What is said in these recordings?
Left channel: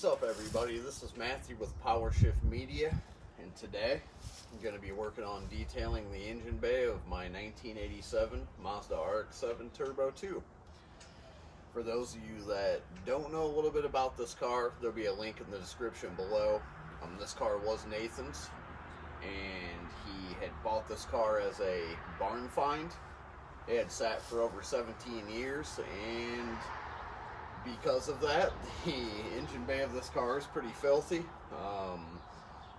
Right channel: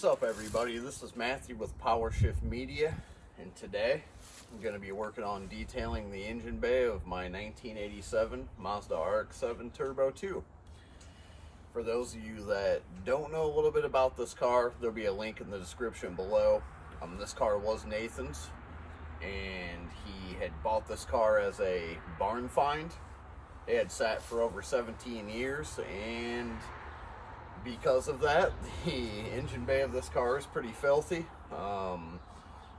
What's up, everybody? This is Matthew with Power Shift Media, and today I'm going to be working on detailing the engine bay of my 1987 Mazda RX7 Turbo 2. For those of you that don't know a little bit about this car, there'll be a link in the description below. This car was Nathan's, and he had bought this car as a barn find. It had sat for over 17 years, and because of that, the engine bay of this car is pretty filthy.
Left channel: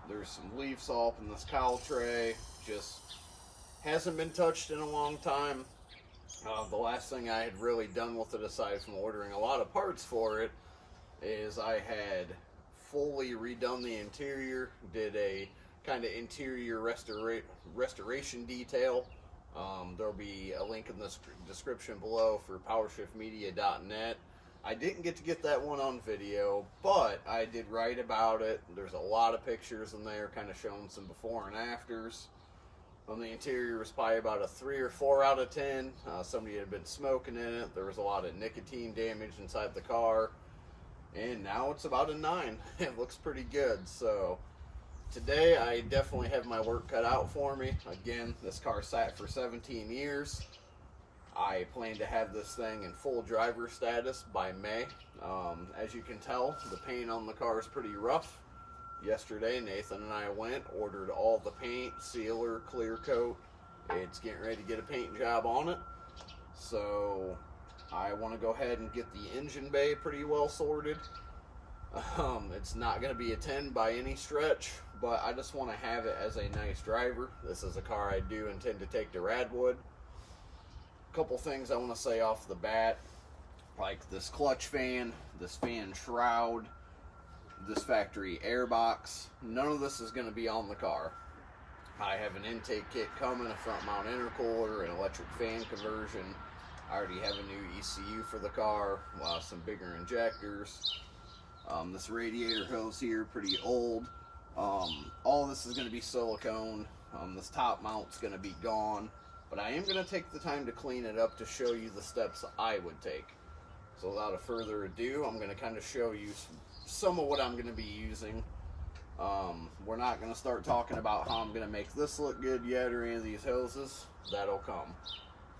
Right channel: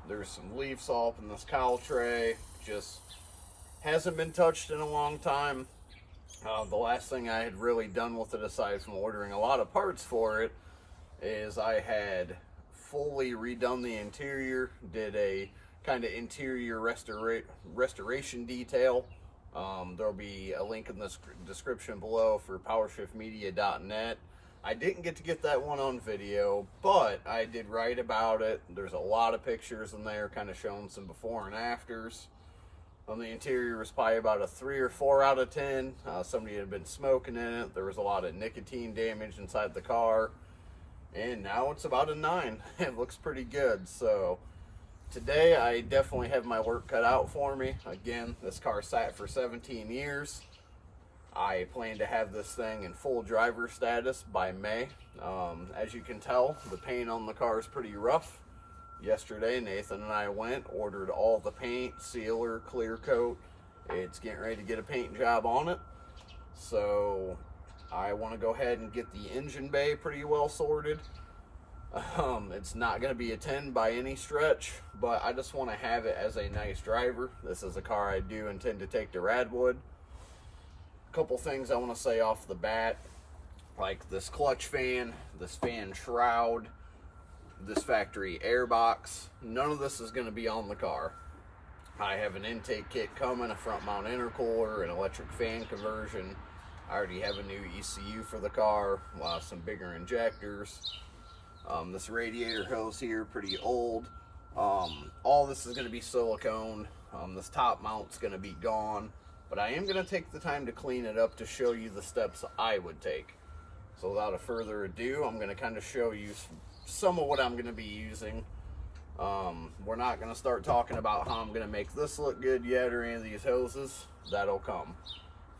There's some leaf salt in this cowl tray, just hasn't been touched in a long time. The last thing I had really done with it, aside from ordering a lot of parts for it, is I had fully redone the interior, did a kind of interior restoration detail. There'll be a link in the description below for powershiftmedia.net. I didn't get to get that one on video, but I did write about it. There's a lot of pictures in there kind of showing some before and afters. The interior was probably about a 3 or 4 out of 10. Somebody had been smoking in it. There was a lot of nicotine damage inside the car. And now it's about a 9. It looks pretty good. So today I definitely have my work cut out for me. Again, this car sat for 17 years. I plan to have this thing in full driver status by May. As you can tell, the paint on the car is pretty rough. Yesterday, Nathan and I ordered all the paint, sealer, clear coat. It's getting ready to get a paint job on it. So I want to go ahead and get the engine bay pretty well sorted. It's not going to be a 10 by any stretch, but I just want to have it as a nice driver. This is a car I do intend to take to Radwood. Couple things I want to say off the bat, like this clutch fan, this fan shroud, this factory airbox. None of this is going to be on the car. I have an intake kit coming, a front mount intercooler, an electric fan conversion. I already have a new ECU for the car, some bigger injectors. This radiator hose here, pretty old. All this is going to be silicone. This top mount's going to be gone. But I am going to take the time to clean it up to show you the steps I would take. So without a further ado, I'm going to kind of show you some of what I'm going to be using. We're not going to start talking about how I'm going to make this look good yet or any of these hoses. That'll come.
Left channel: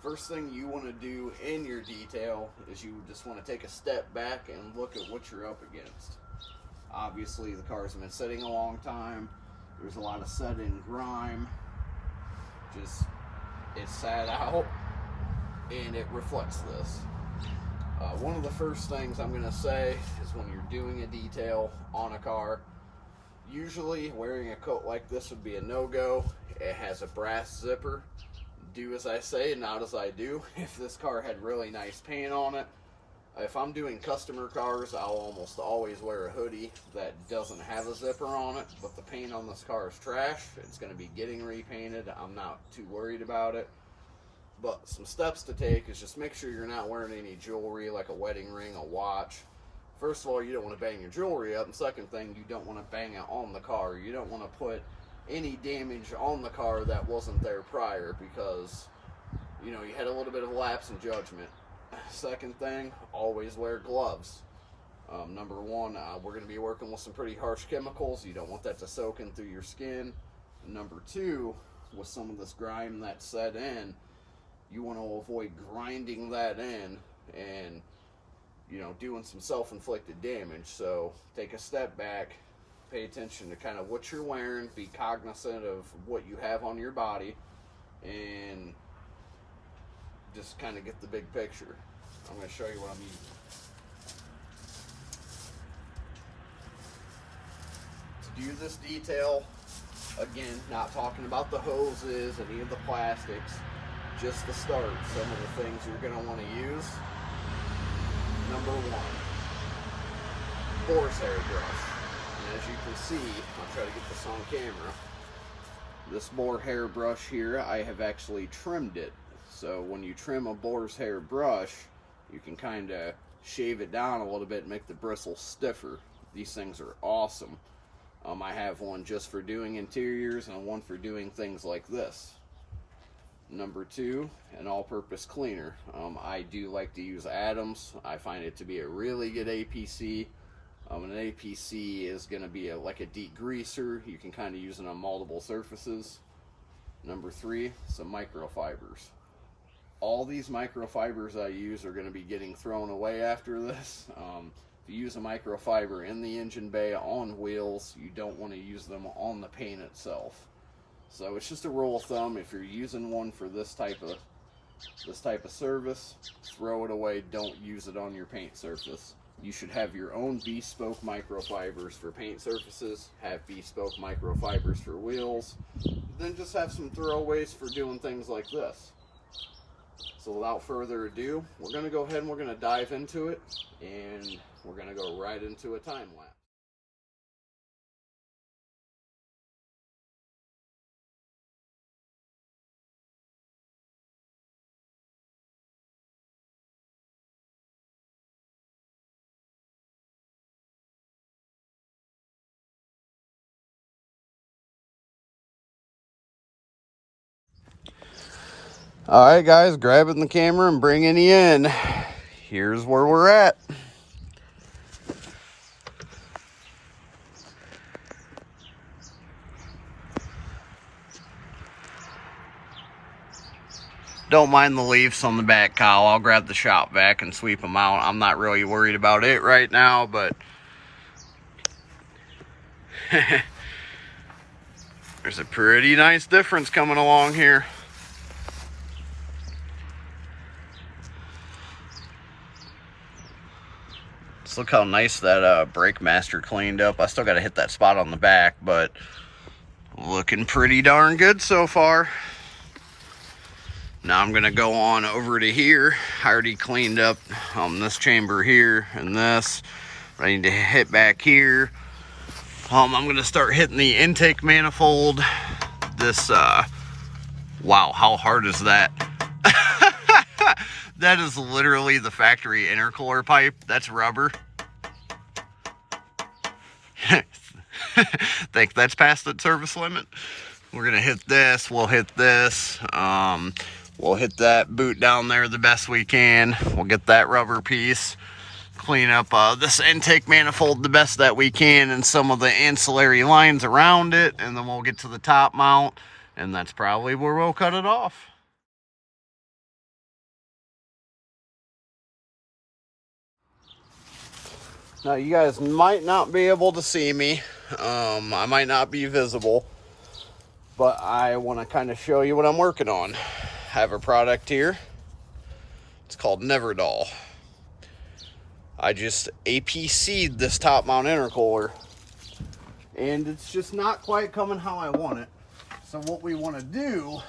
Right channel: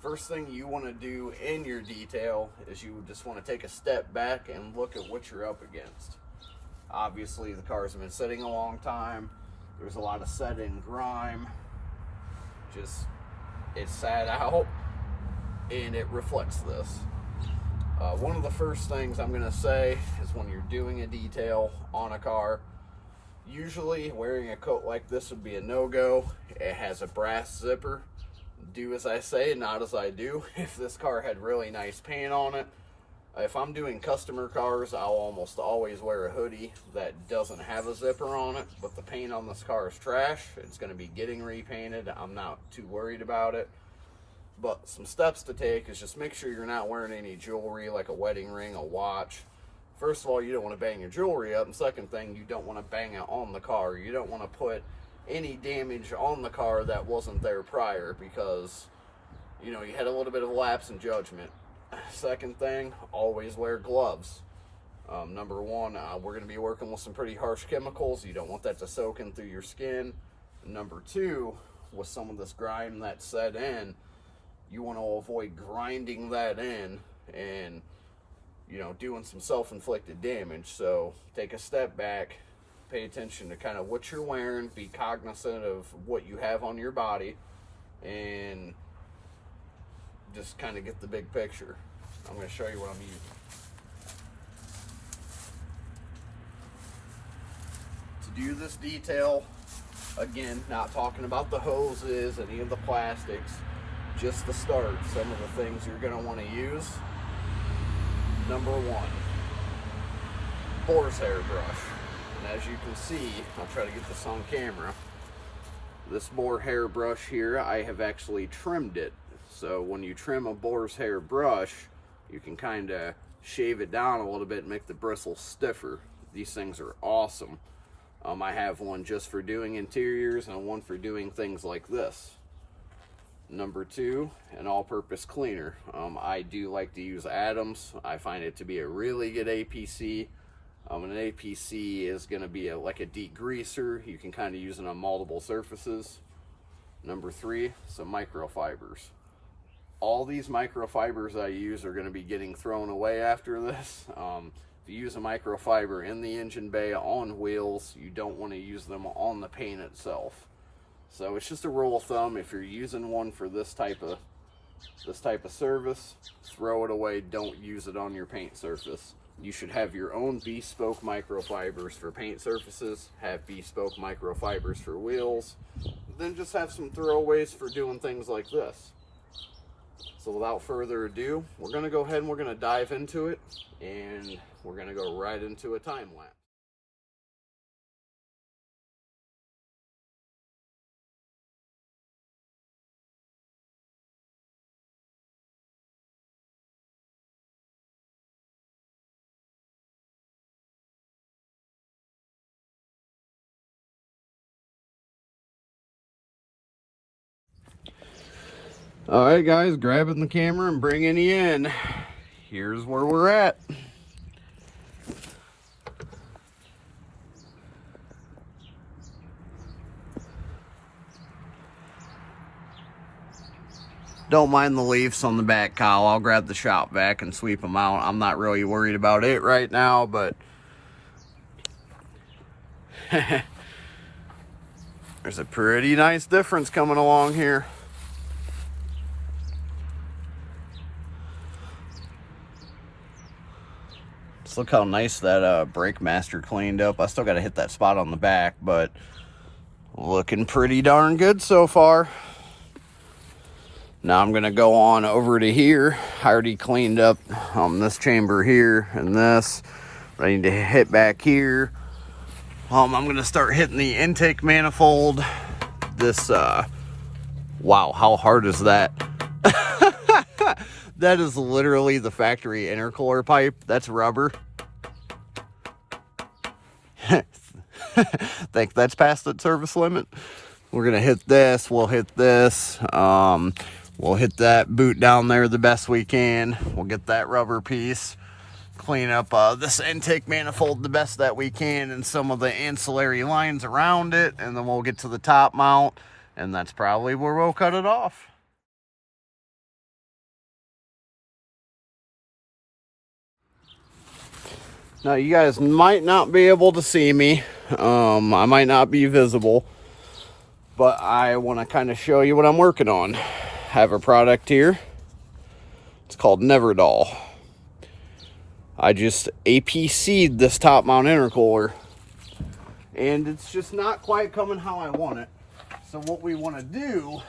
First thing you want to do in your detail is you just want to take a step back and look at what you're up against. Obviously, the cars have been sitting a long time. There's a lot of set-in grime. It sat out and it reflects this. One of the first things I'm going to say is when you're doing a detail on a car, usually wearing a coat like this would be a no-go. It has a brass zipper. Do as I say, not as I do. If this car had really nice paint on it, if I'm doing customer cars, I'll almost always wear a hoodie that doesn't have a zipper on it, but the paint on this car is trash. It's going to be getting repainted. I'm not too worried about it. But some steps to take is just make sure you're not wearing any jewelry like a wedding ring, a watch. First of all, you don't want to bang your jewelry up. And second thing, you don't want to bang it on the car. You don't want to put any damage on the car that wasn't there prior because, you know, you had a little bit of a lapse in judgment. Second thing, always wear gloves. Number one, we're going to be working with some pretty harsh chemicals. You don't want that to soak in through your skin. Number two, with some of this grime that's set in, you want to avoid grinding that in and, you know, doing some self-inflicted damage. So take a step back, pay attention to kind of what you're wearing, be cognizant of what you have on your body, and just kind of get the big picture. I'm going to show you what I'm using. To do this detail, again, not talking about the hoses, any of the plastics, just to start, some of the things you're going to want to use. Number one, Boar's hairbrush. And as you can see, I'll try to get this on camera. This Boar hairbrush here, I have actually trimmed it. So when you trim a Boar's hairbrush, you can kind of shave it down a little bit and make the bristles stiffer. These things are awesome. I have one just for doing interiors and one for doing things like this. Number two, an all-purpose cleaner. I do like to use Adams. I find it to be a really good APC. An APC is going to be like a degreaser. You can kind of use it on multiple surfaces. Number 3, some microfibers. All these microfibers I use are going to be getting thrown away after this. If you use a microfiber in the engine bay on wheels, you don't want to use them on the paint itself. So it's just a rule of thumb, if you're using one for this type of service, throw it away. Don't use it on your paint surface. You should have your own bespoke microfibers for paint surfaces, have bespoke microfibers for wheels, then just have some throwaways for doing things like this. So without further ado, we're going to go ahead and we're going to dive into it, and we're going to go right into a time lapse. All right, guys, grabbing the camera and bringing you in. Here's where we're at. Don't mind the leaves on the back, Kyle. I'll grab the shop vac and sweep them out. I'm not really worried about it right now, but there's a pretty nice difference coming along here. Let's look how nice that brake master cleaned up. I still got to hit that spot on the back, but looking pretty darn good so far. Now I'm going to go on over to here. I already cleaned up this chamber here and this. But I need to hit back here. I'm going to start hitting the intake manifold. This, wow, how hard is that? That is literally the factory intercooler pipe. That's rubber. Think that's past that service limit. We're gonna hit this. We'll hit this. We'll hit that boot down there the best we can. We'll get that rubber piece. Clean up this intake manifold the best that we can and some of the ancillary lines around it, and then we'll get to the top mount, and that's probably where we'll cut it off. Now you guys might not be able to see me. I might not be visible, but I want to kind of show you what I'm working on. I have a product here. It's called Neverdoll. I just APC'd this top mount intercooler, and it's just not quite coming how I want it. So what we want to do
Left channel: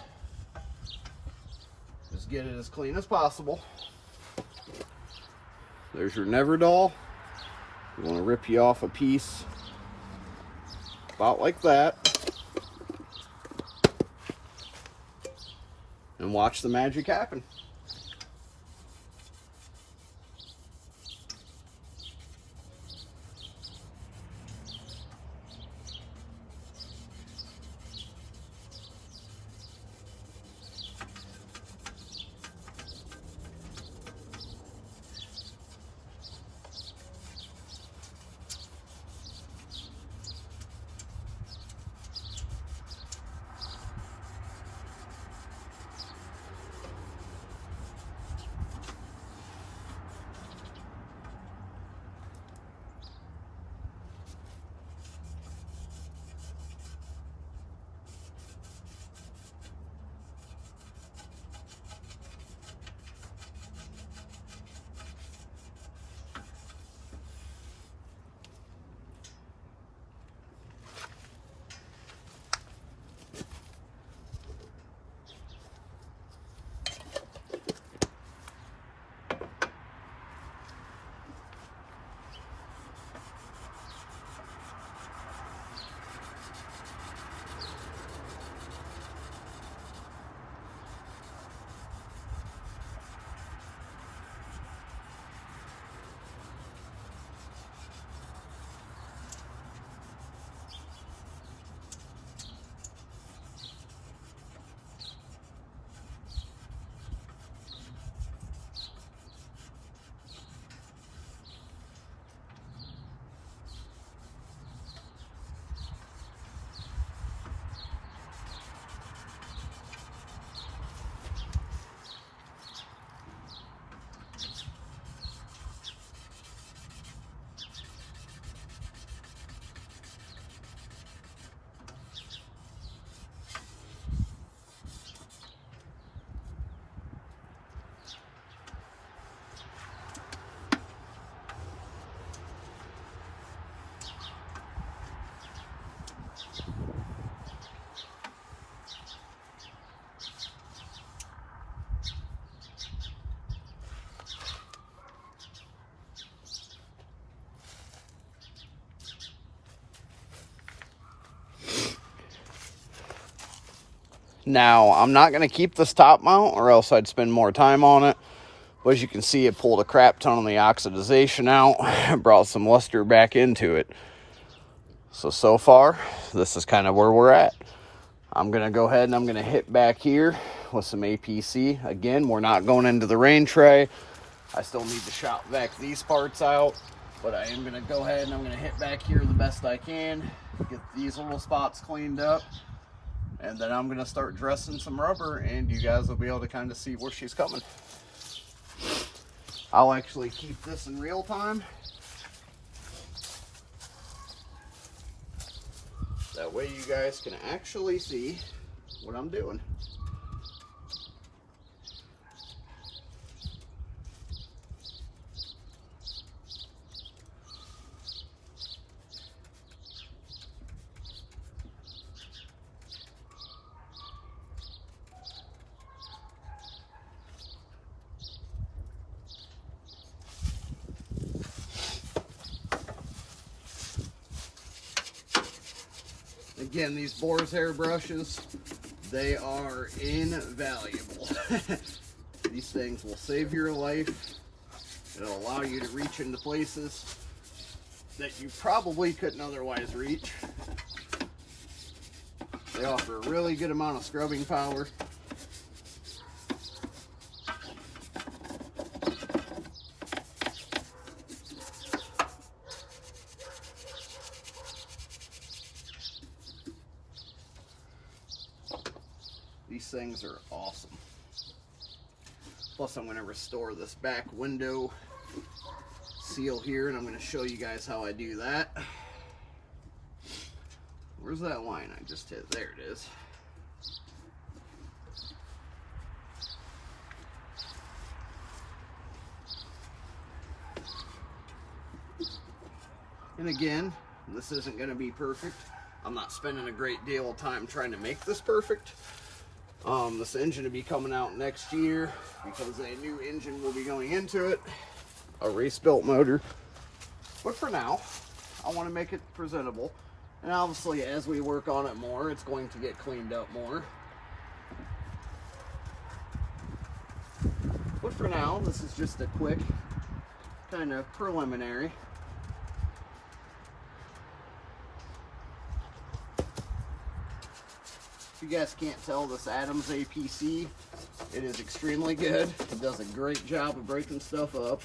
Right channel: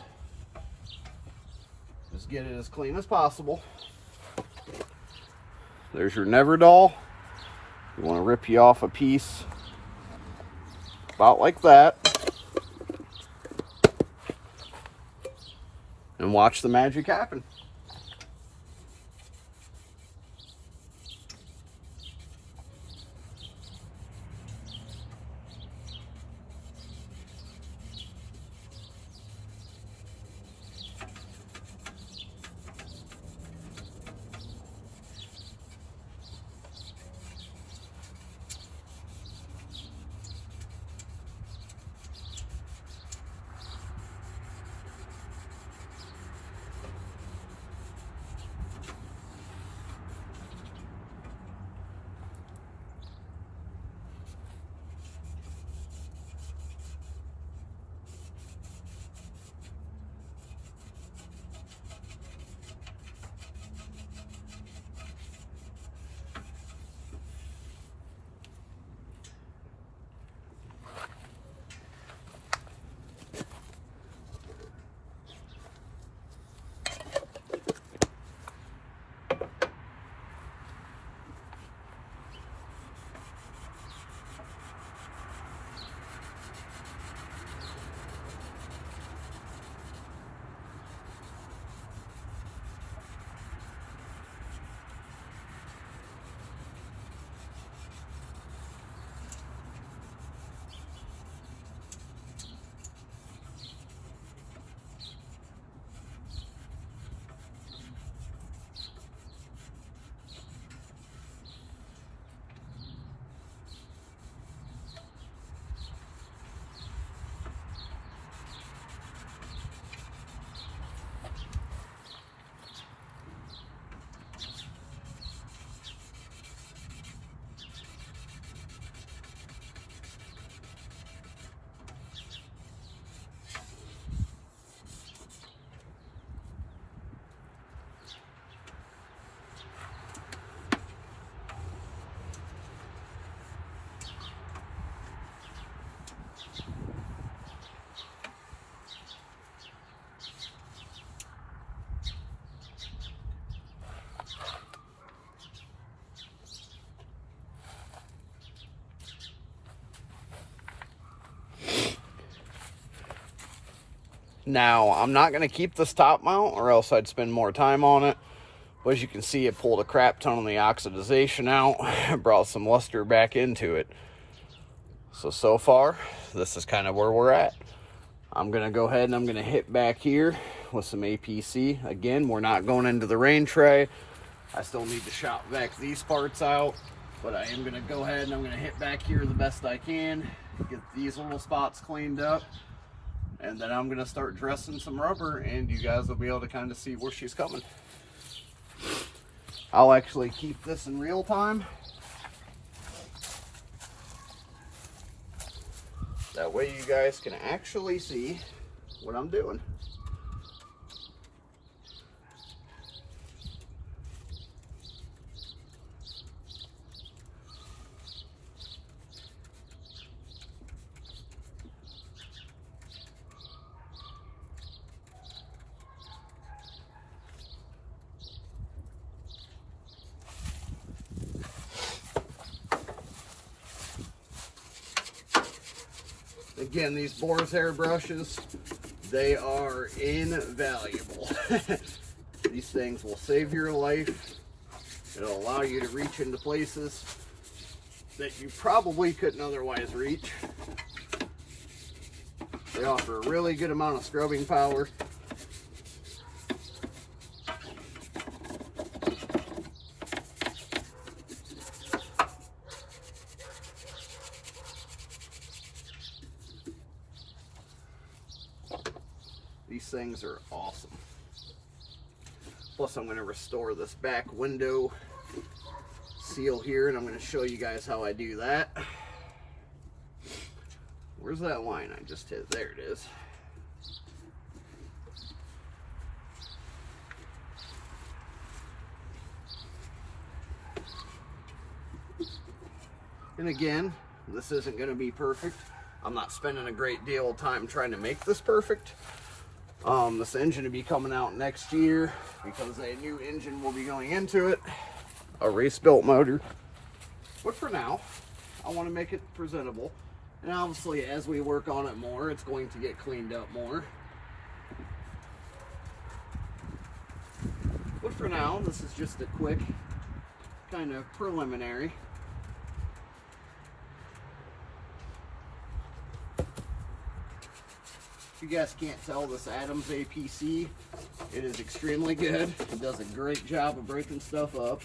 is get it as clean as possible. There's your Neverdoll. You want to rip you off a piece about like that, and watch the magic happen. Now, I'm not going to keep this top mount or else I'd spend more time on it. But as you can see, it pulled a crap ton of the oxidization out and brought some luster back into it. So far, this is kind of where we're at. I'm going to go ahead and I'm going to hit back here with some APC. Again, we're not going into the rain tray. I still need to shop back these parts out. But I am going to go ahead and I'm going to hit back here the best I can. Get these little spots cleaned up. And then I'm going to start dressing some rubber and you guys will be able to kind of see where she's coming. I'll actually keep this in real time. That way you guys can actually see what I'm doing. Again, these Boar's hair brushes, they are invaluable. These things will save your life. It'll allow you to reach into places that you probably couldn't otherwise reach. They offer a really good amount of scrubbing power. These things are awesome. Plus, I'm going to restore this back window seal here, and I'm going to show you guys how I do that. Where's that line I just hit? There it is. And again, this isn't going to be perfect. I'm not spending a great deal of time trying to make this perfect. This engine will be coming out next year because a new engine will be going into it, a race built motor. But for now, I want to make it presentable. And obviously, as we work on it more, it's going to get cleaned up more. But for now, this is just a quick kind of preliminary. If you guys can't tell, this Adams APC, it is extremely good. It does a great job of breaking stuff up.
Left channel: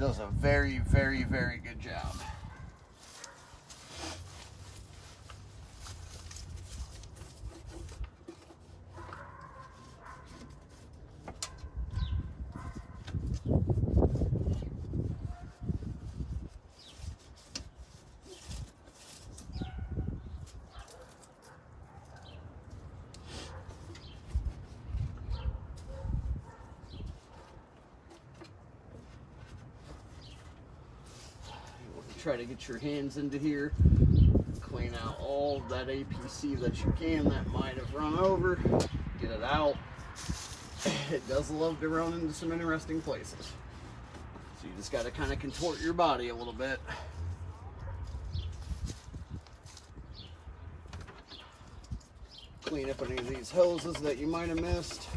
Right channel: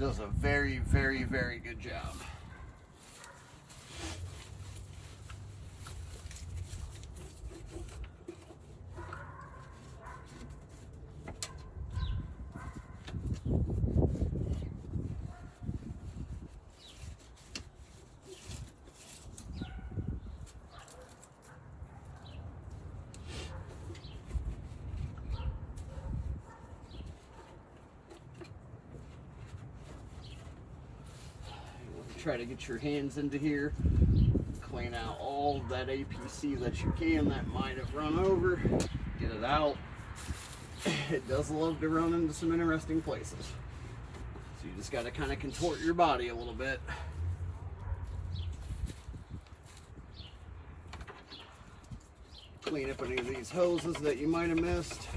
Does a very, very, very good job. Try to get your hands into here, clean out all that APC that you can that might have run over, get it out. It does love to run into some interesting places. So you just got to kind of contort your body a little bit. Clean up any of these hoses that you might have missed.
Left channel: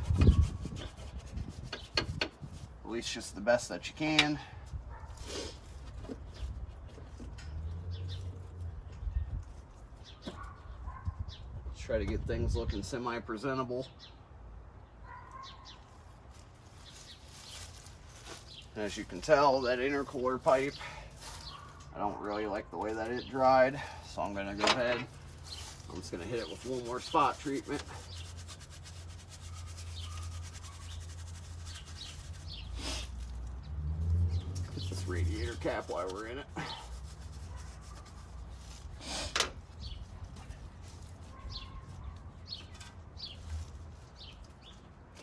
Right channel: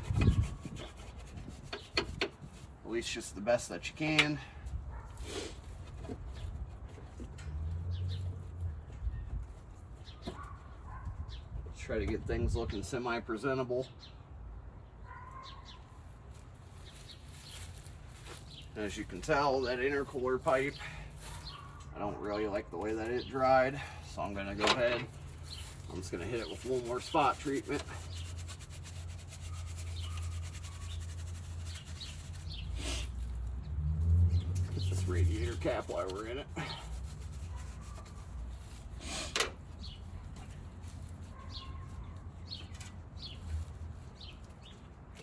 At least just the best that you can. Try to get things looking semi-presentable. As you can tell, that intercooler pipe, I don't really like the way that it dried, so I'm going to go ahead. I'm just going to hit it with one more spot treatment. Get this radiator cap while we're in it.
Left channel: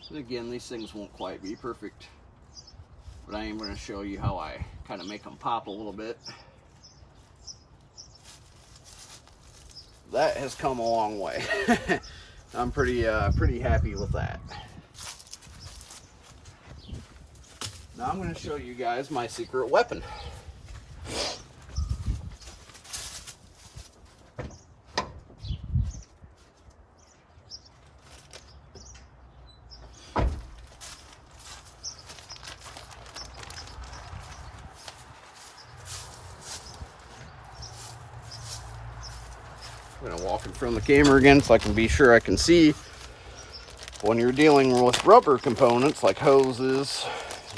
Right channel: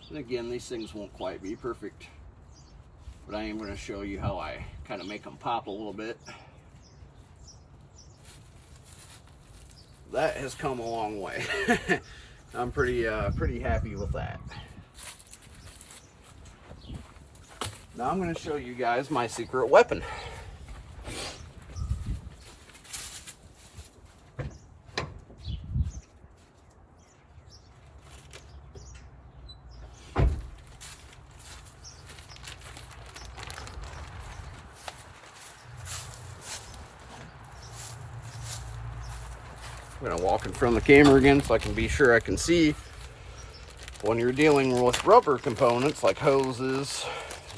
And again, these things won't quite be perfect, but I am going to show you how I kind of make them pop a little bit. that has come a long way. I'm pretty happy with that. Now I'm going to show you guys my secret weapon. I'm going to walk in front of the camera again so I can be sure I can see. When you're dealing with rubber components like hoses,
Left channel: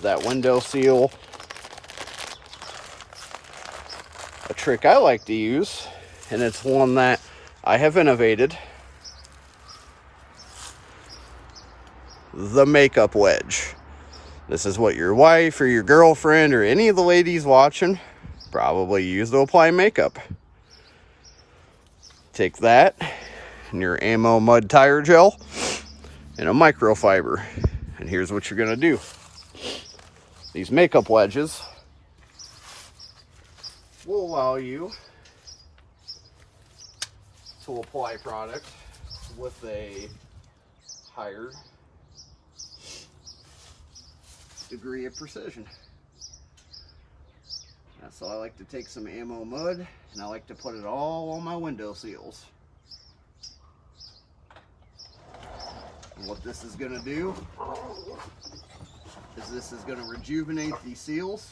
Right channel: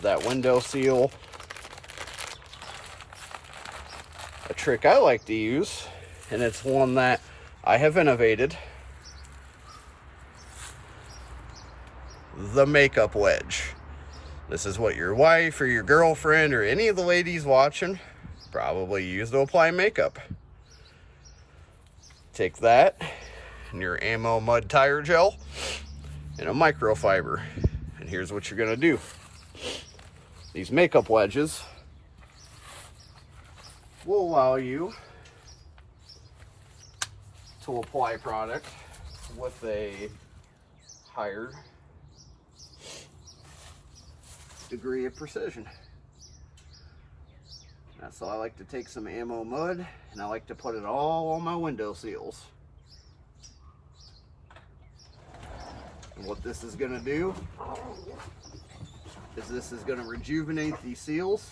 that window seal, a trick I like to use, and it's one that I have innovated, the makeup wedge. This is what your wife or your girlfriend or any of the ladies watching probably use to apply makeup. Take that and your ammo mud tire gel and a microfiber, and here's what you're gonna do. These makeup wedges will allow you to apply product with a higher degree of precision. So I like to take some ammo mud and I like to put it all on my window seals. And what this is going to do is this is going to rejuvenate these seals.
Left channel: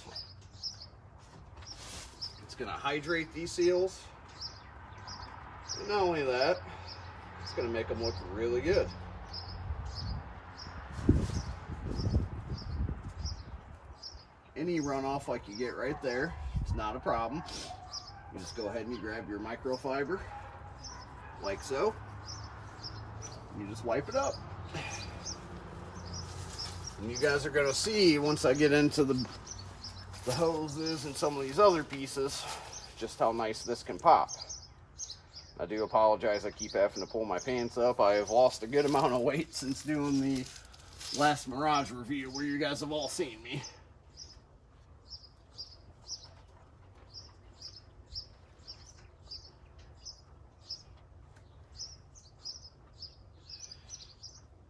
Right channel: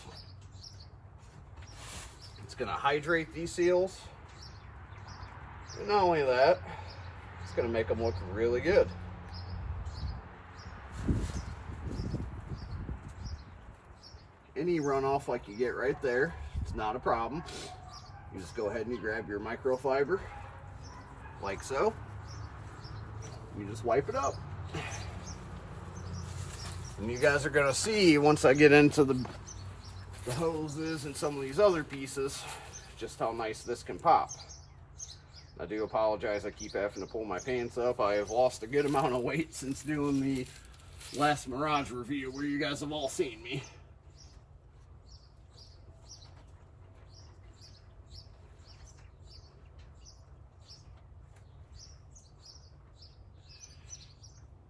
It's going to hydrate these seals. And not only that, it's going to make them look really good. Any runoff like you get right there, it's not a problem. You just go ahead and you grab your microfiber, like so. You just wipe it up. And you guys are going to see, once I get into the hoses and some of these other pieces, just how nice this can pop. I do apologize, I keep having to pull my pants up. I have lost a good amount of weight since doing the last Mirage review where you guys have all seen me.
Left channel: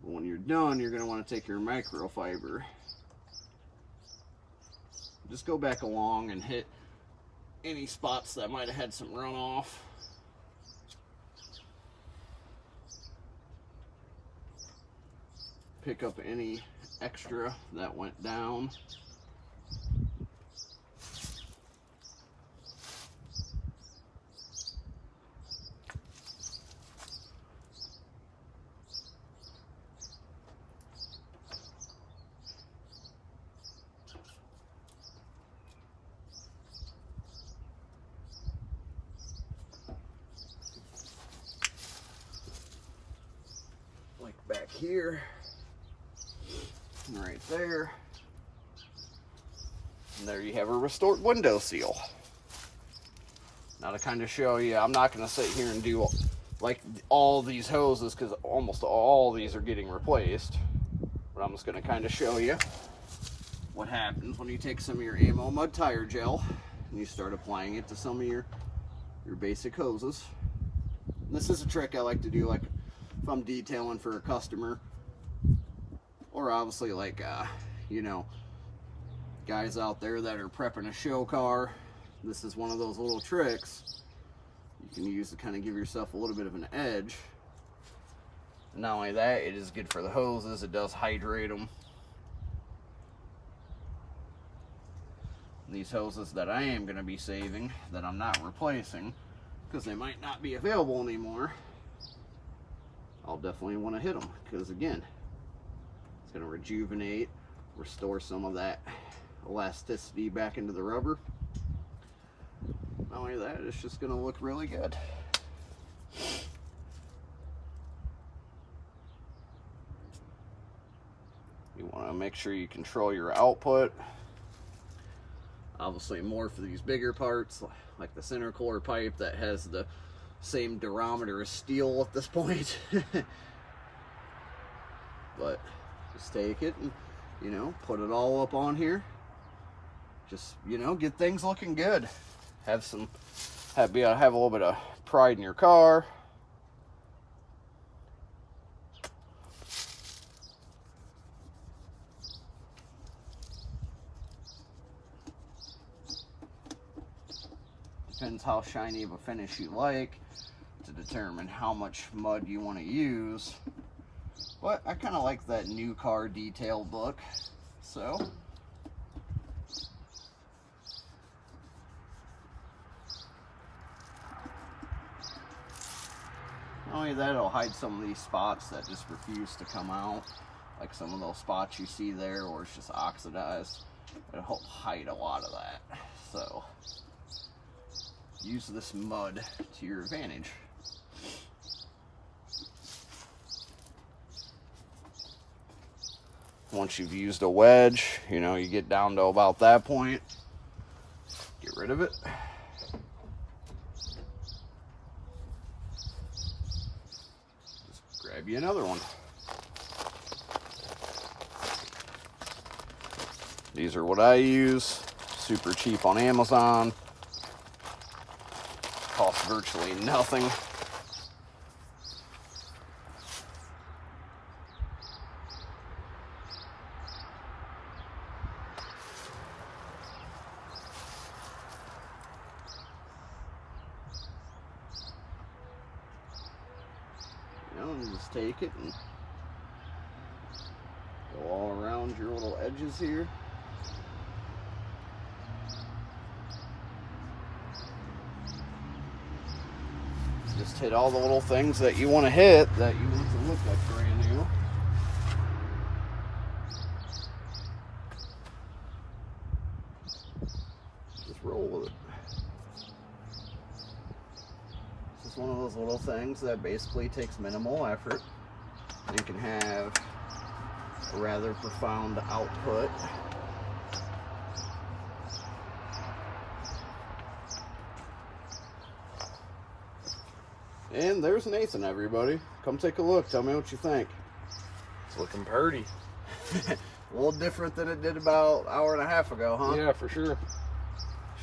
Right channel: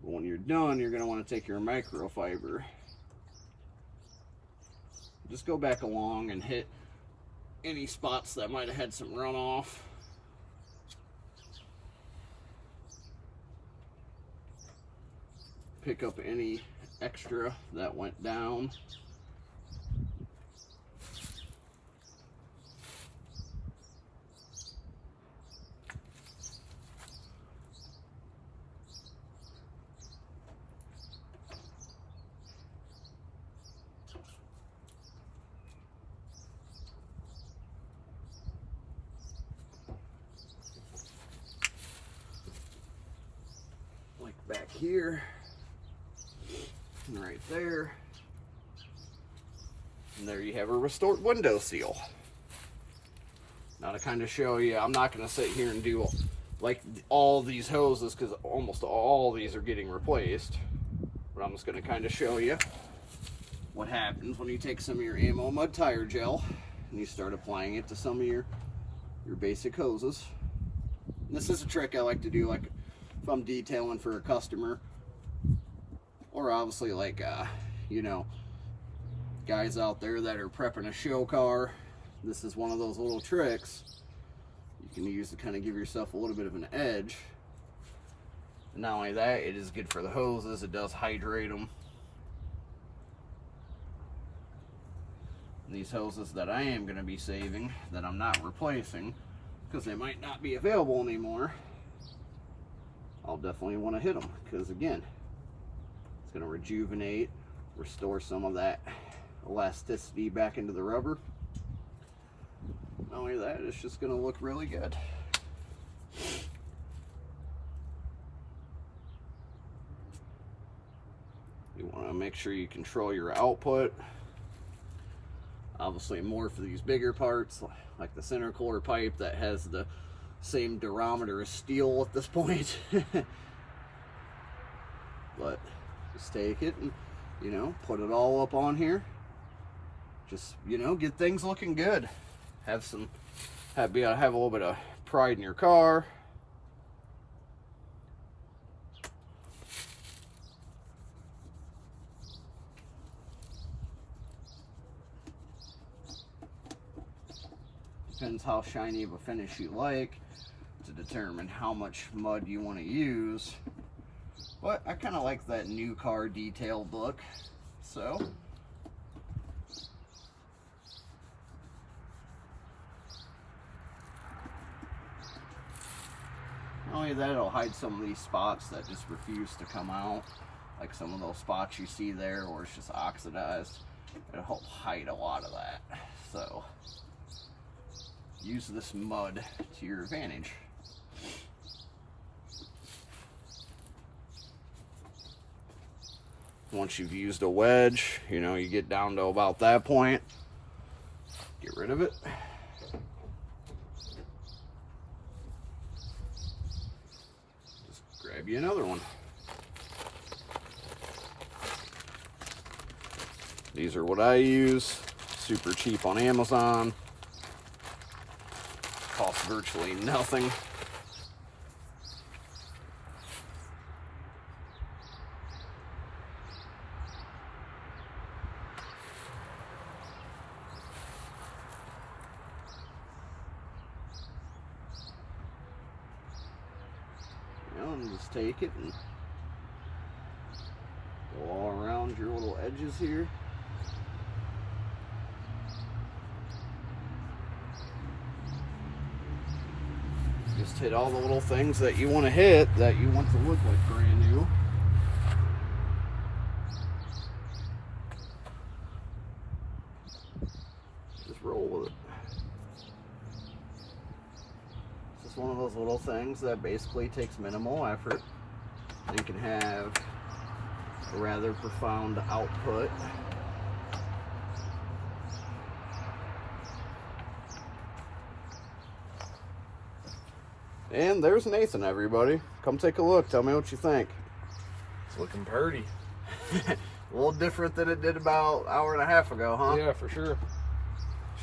When you're done, you're going to want to take your microfiber. Just go back along and hit any spots that might have had some runoff. Pick up any extra that went down. Back here, and right there, and there you have a restored window seal. Now to kind of show you, I'm not going to sit here and do like all these hoses because almost all these are getting replaced, but I'm just going to kind of show you what happens when you take some of your ammo mud tire gel and you start applying it to some of your basic hoses. This is a trick I like to do, like if I'm detailing for a customer, or obviously like you know, guys out there that are prepping a show car. This is one of those little tricks you can use to kind of give yourself a little bit of an edge. And not only that, it is good for the hoses, it does hydrate them. These hoses that I am going to be saving, that I'm not replacing because they might not be available anymore, I'll definitely want to hit them because, again, it's going to rejuvenate, restore some of that elasticity back into the rubber. Not only that, it's just going to look really good. You want to make sure you control your output. Obviously more for these bigger parts, like the intercooler pipe that has the same durometer as steel at this point. But just take it and, you know, put it all up on here. Just, you know, get things looking good. Have a little bit of pride in your car. depends how shiny of a finish you like to determine how much mud you want to use. But I kind of like that new car detailed look, so not only that, it'll hide some of these spots that just refuse to come out, like some of those spots you see there where it's just oxidized. It'll help hide a lot of that. So use this mud to your advantage. Once you've used a wedge, you know, you get down to about that point, get rid of it. Just grab you another one. These are what I use, super cheap on Amazon, cost virtually nothing. And just take it and go all around your little edges here. Just hit all the little things that you want to hit, that you want to look like brand new. Just roll with it. It's just one of those little things that basically takes minimal effort. You can have a rather profound output. And there's Nathan, everybody. Come take a look. Tell me what you think. It's looking pretty. A little different than it did about an hour and a half ago, huh? Yeah, for sure.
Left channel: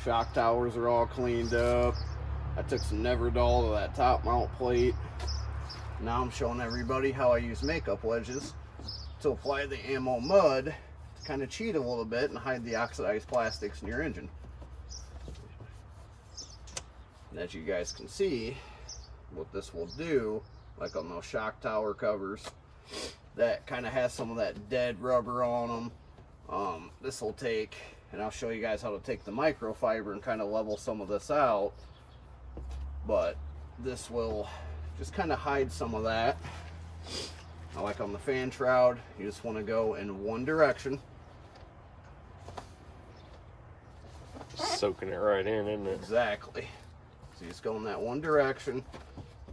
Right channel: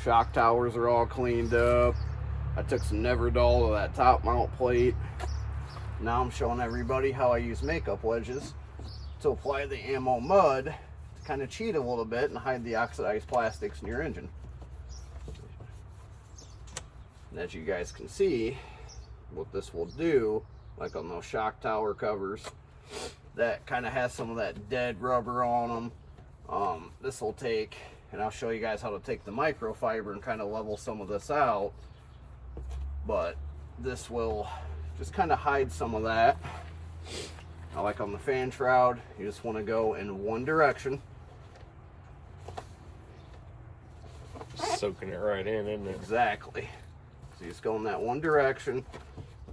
Shock towers are all cleaned up. I took some Neverdull to that top mount plate. Now I'm showing everybody how I use makeup wedges to apply the ammo mud to kind of cheat a little bit and hide the oxidized plastics in your engine. And as you guys can see, what this will do, like on those shock tower covers that kind of has some of that dead rubber on them, this will take, and I'll show you guys how to take the microfiber and kind of level some of this out, but this will just kind of hide some of that. Now, like on the fan shroud, you just want to go in one direction. Soaking it right in, isn't it? Exactly. So you just go in that one direction,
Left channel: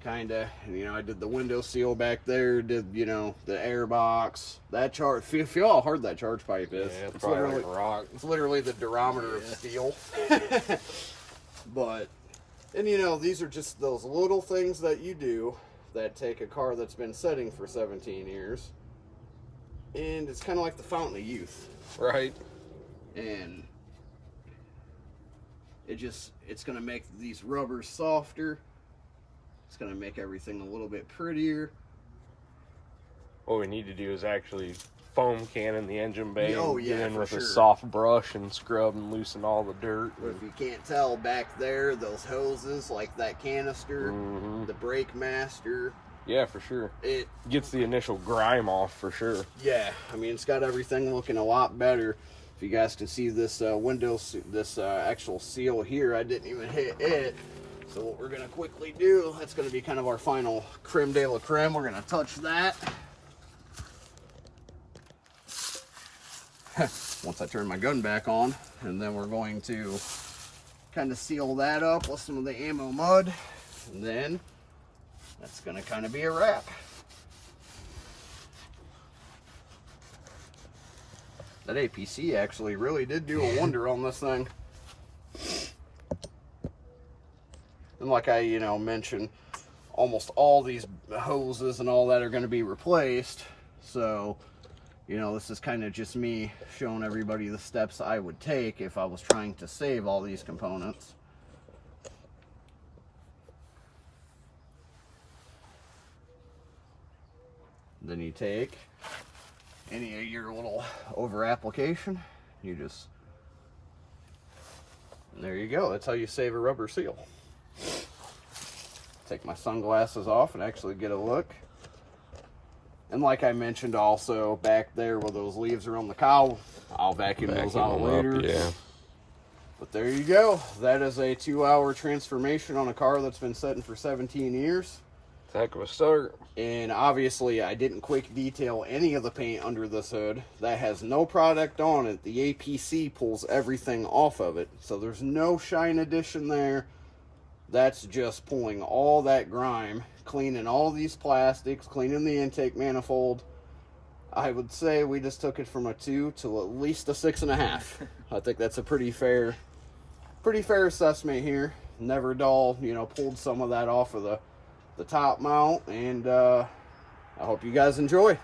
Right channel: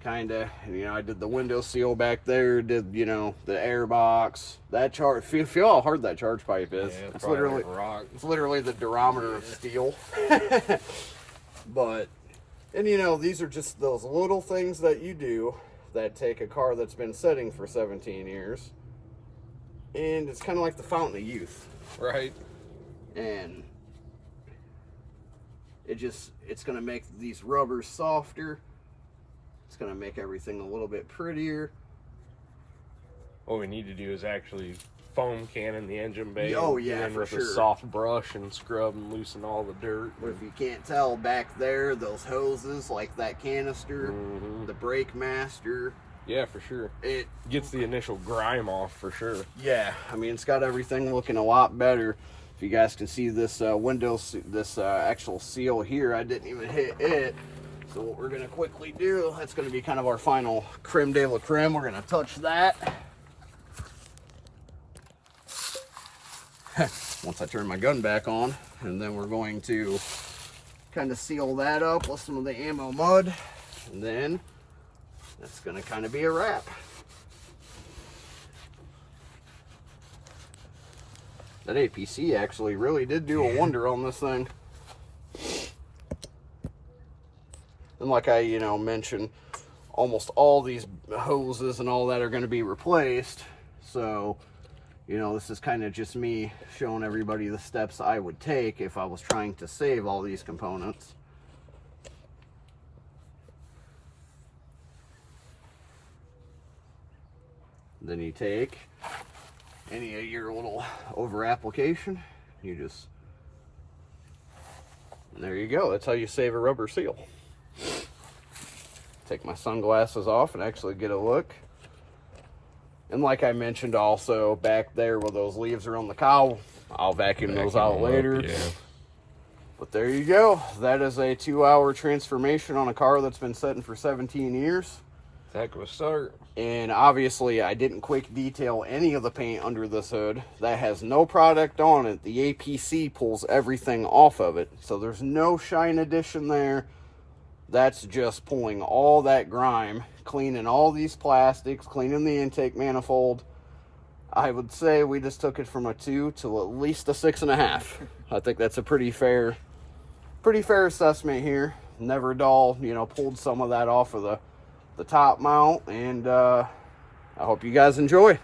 kind of, you know, I did the window seal back there, did, you know, the air box, that charge, feel how hard that charge pipe is. Yeah, it's literally like rock. It's literally the durometer of steel. But, and you know, these are just those little things that you do that take a car that's been sitting for 17 years, and it's kind of like the fountain of youth. Right. And it's going to make these rubbers softer. It's going to make everything a little bit prettier. What we need to do is actually foam cannon the engine bay. Oh yeah, for with sure. a soft brush and scrub and loosen all the dirt. But if you can't tell, back there, those hoses, like that canister, the brake master. Yeah, for sure. It gets the initial grime off for sure. Yeah, I mean, it's got everything looking a lot better. If you guys can see this this actual seal here, I didn't even hit it. So what we're gonna quickly do, that's gonna be kind of our final creme de la creme. We're gonna touch that. Once I turn my gun back on, and then we're going to kind of seal that up with some of the ammo mud, and then that's gonna kind of be a wrap. That APC actually really did do a wonder on this thing. And like I, you know, mentioned, almost all these hoses and all that are going to be replaced. So, you know, this is kind of just me showing everybody the steps I would take if I was trying to save all these components. Then you take any of your little over application, you just And there you go. That's how you save a rubber seal. Take my sunglasses off and actually get a look. And like I mentioned also, back there where those leaves are on the cowl, I'll vacuum those out later. Yeah. But there you go. That is a 2-hour transformation on a car that's been sitting for 17 years. Heck of a start. And obviously I didn't quick detail any of the paint under this hood. That has no product on it. The APC pulls everything off of it. So there's no shine addition there. That's just pulling all that grime, cleaning all these plastics, cleaning the intake manifold. I would say we just took it from a 2 to at least a 6.5. I think that's a pretty fair assessment here. Never dull, you know, pulled some of that off of the top mount, and I hope you guys enjoy.